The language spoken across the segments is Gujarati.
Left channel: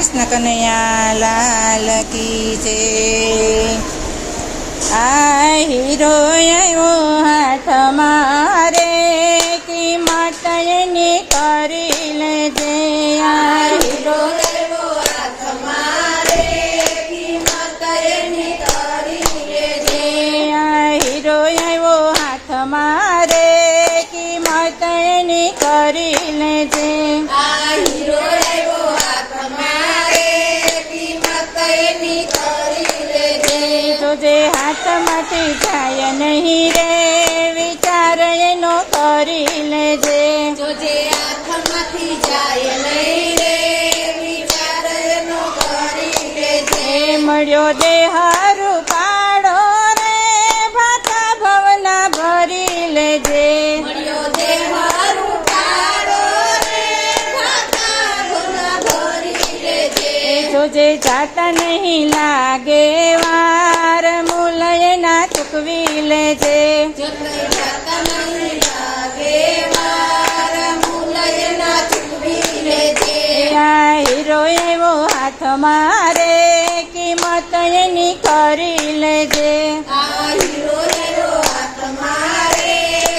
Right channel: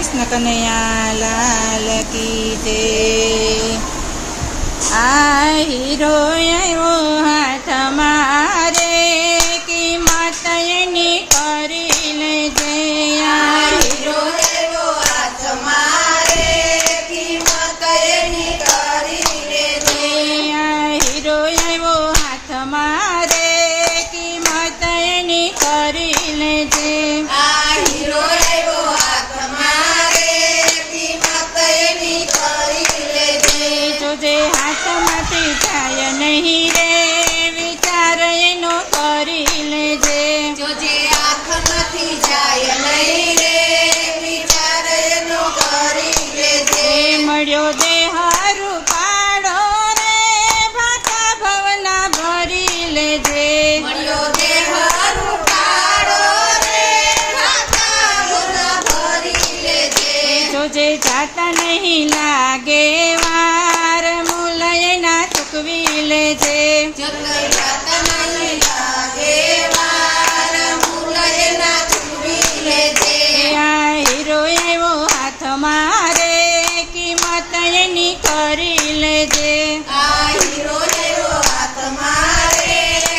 કૃષ્ણ કનૈયા લાલ કી છે આ હીરો આવ્યો હાથ મારે કિંમત એની કરી લેજે. આ હીરો મારે જોજે હાથમાંથી જાય નહીં રે વિચાર એનો કરી લેજે. જોજે આંખમાંથી જાય નહીં રે વિચાર એનો કરી લેજે. મળ્યો દેહારું પાડો રે ભાતા ભવના ભરી લેજે. મળ્યો દેહારું પાડો રે ભાતા ભૂલા ભરી લેજે. જોજે જાતા નહીં લાગે મુલયના ચૂકવી લેજે. હીરો એવો હાથ મારે કિંમત એની કરી લેજે સીધા હીરો લેવો હાથ મારે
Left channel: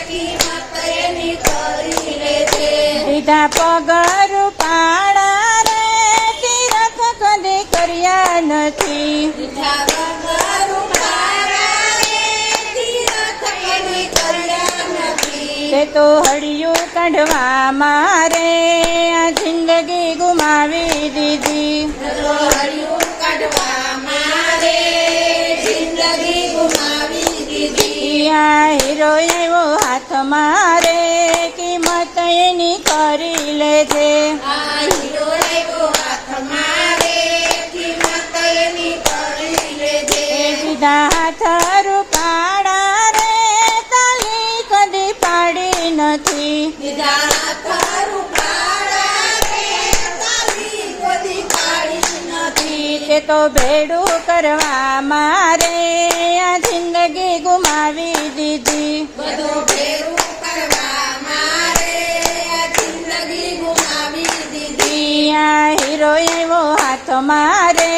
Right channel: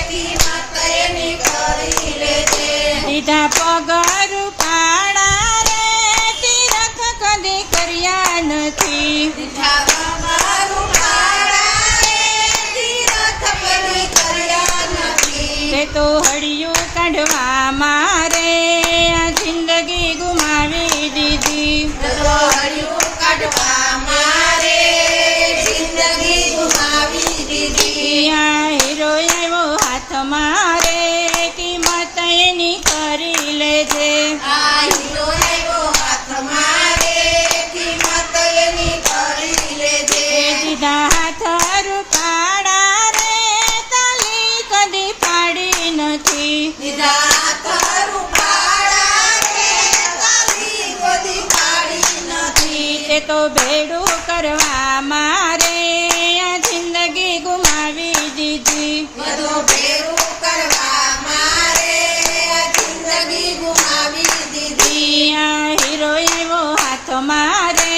કિંમત એની કરી લેજે. દીધા પગર પાડા રે તિરખ કદી કર્યા નથી. તે હળિયું કાઢવા મારે, આ જિંદગી ગુમાવી દીધી. હીરો આવ્યો હાથ મારે, કિંમત એની કરી લેજે. આ નથી તે ભેડું કરવા મારે આ જિંદગી ગુમાવી દીધી. બધું ભેરું કરવા મારે આ જિંદગી ગુમાવી દીધી. આ હીરો એવો હાથ મારે.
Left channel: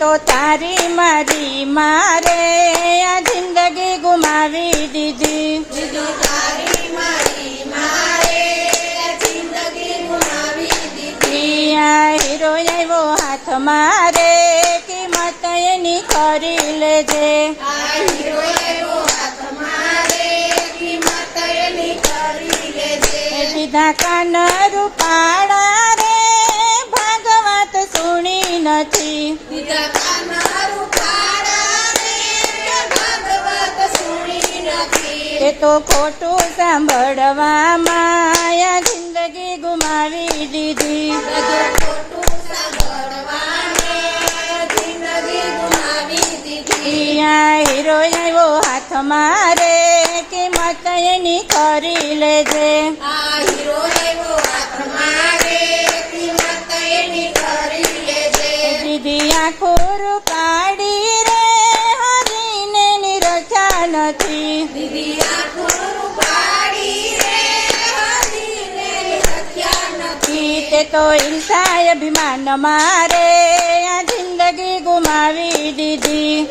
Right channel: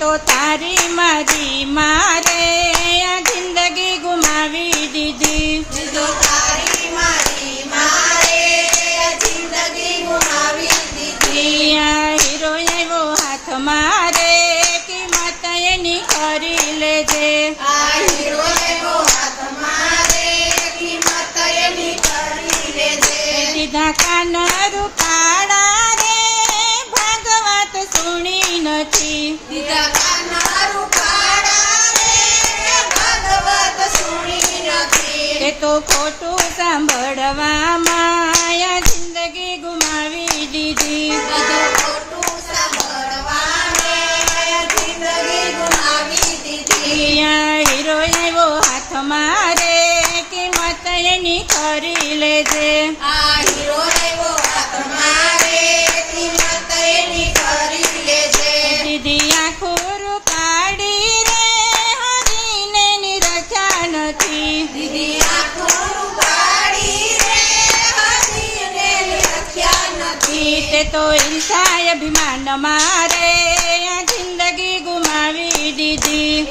તો તારી મારી મારે આ જિંદગી ગુમાવી દીધી. હીરો એવો હાથ મારે કિંમત એની કરી લેજે. સીધા કાન રૂપાડા નથી. દીધા કાના રૂપાડા રે કે ભાગવત સુણી નથી. એ તો ખોટું સાંભળવા માયા જિંદગી ગુમાવી દીધી. બધું ખોટું સાંભળવાને જિંદગી ગુમાવી દીધી. હીરો આવ્યો હાથ મારે કિંમત એની કરી લેજે. આ હીરો તે ઈર્ષાય અભિમાન મારે આ જિંદગી ગુમાવી દીધી.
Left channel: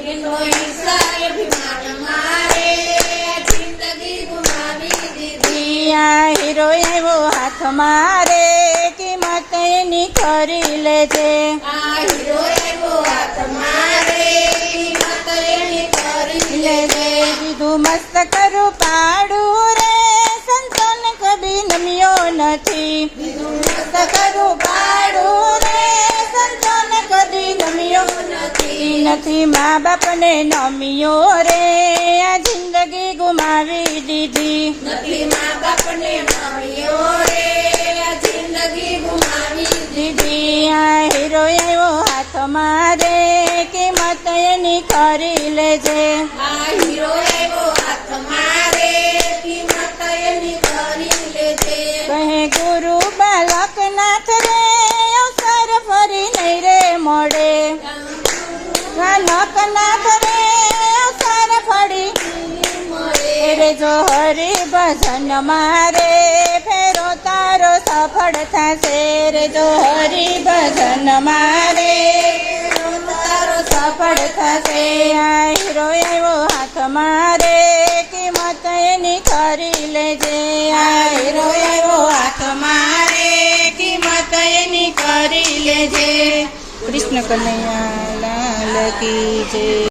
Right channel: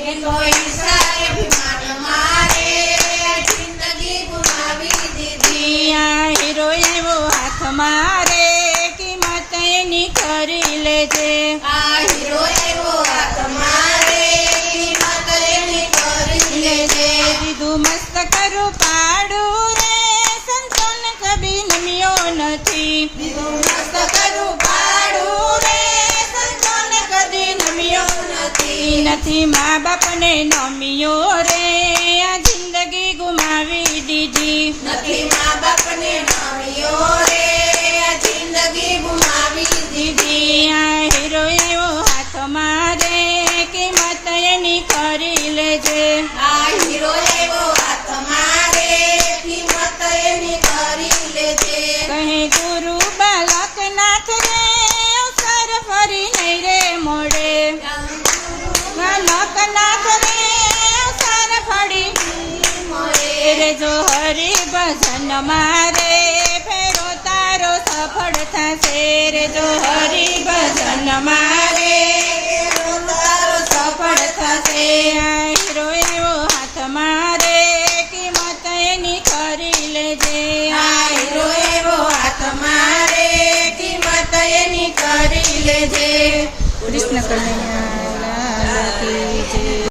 હીરો એવો હાથ મારે કિંમત એની કરી લેજે. આ હીરો નથી મા બાપને નમ્યો રે. આ જિંદગી ગુમાવી દીધી. નથી મા બાપને નમ્યો રે. આ જિંદગી ગુમાવી દીધી. આ હીરો આવ્યો હાથ મારે કિંમત એની કરી લેજે. આ હીરો આવ્યો હાથ મારે બાલકનાથ રે સર ફરી મળે રે જો હરે ભજન મારે, ફેરો તારો સફળ થશે. રે જો હરે ભજન મારે તારો સફળ થશે. હીરો એવો હાથ મારે, કિંમત એની કરી લેજે. હીરો એવો હાથ મારે, કિંમત એની કરી લેજે. કૃષ્ણ કનૈયા. લાલ કી જય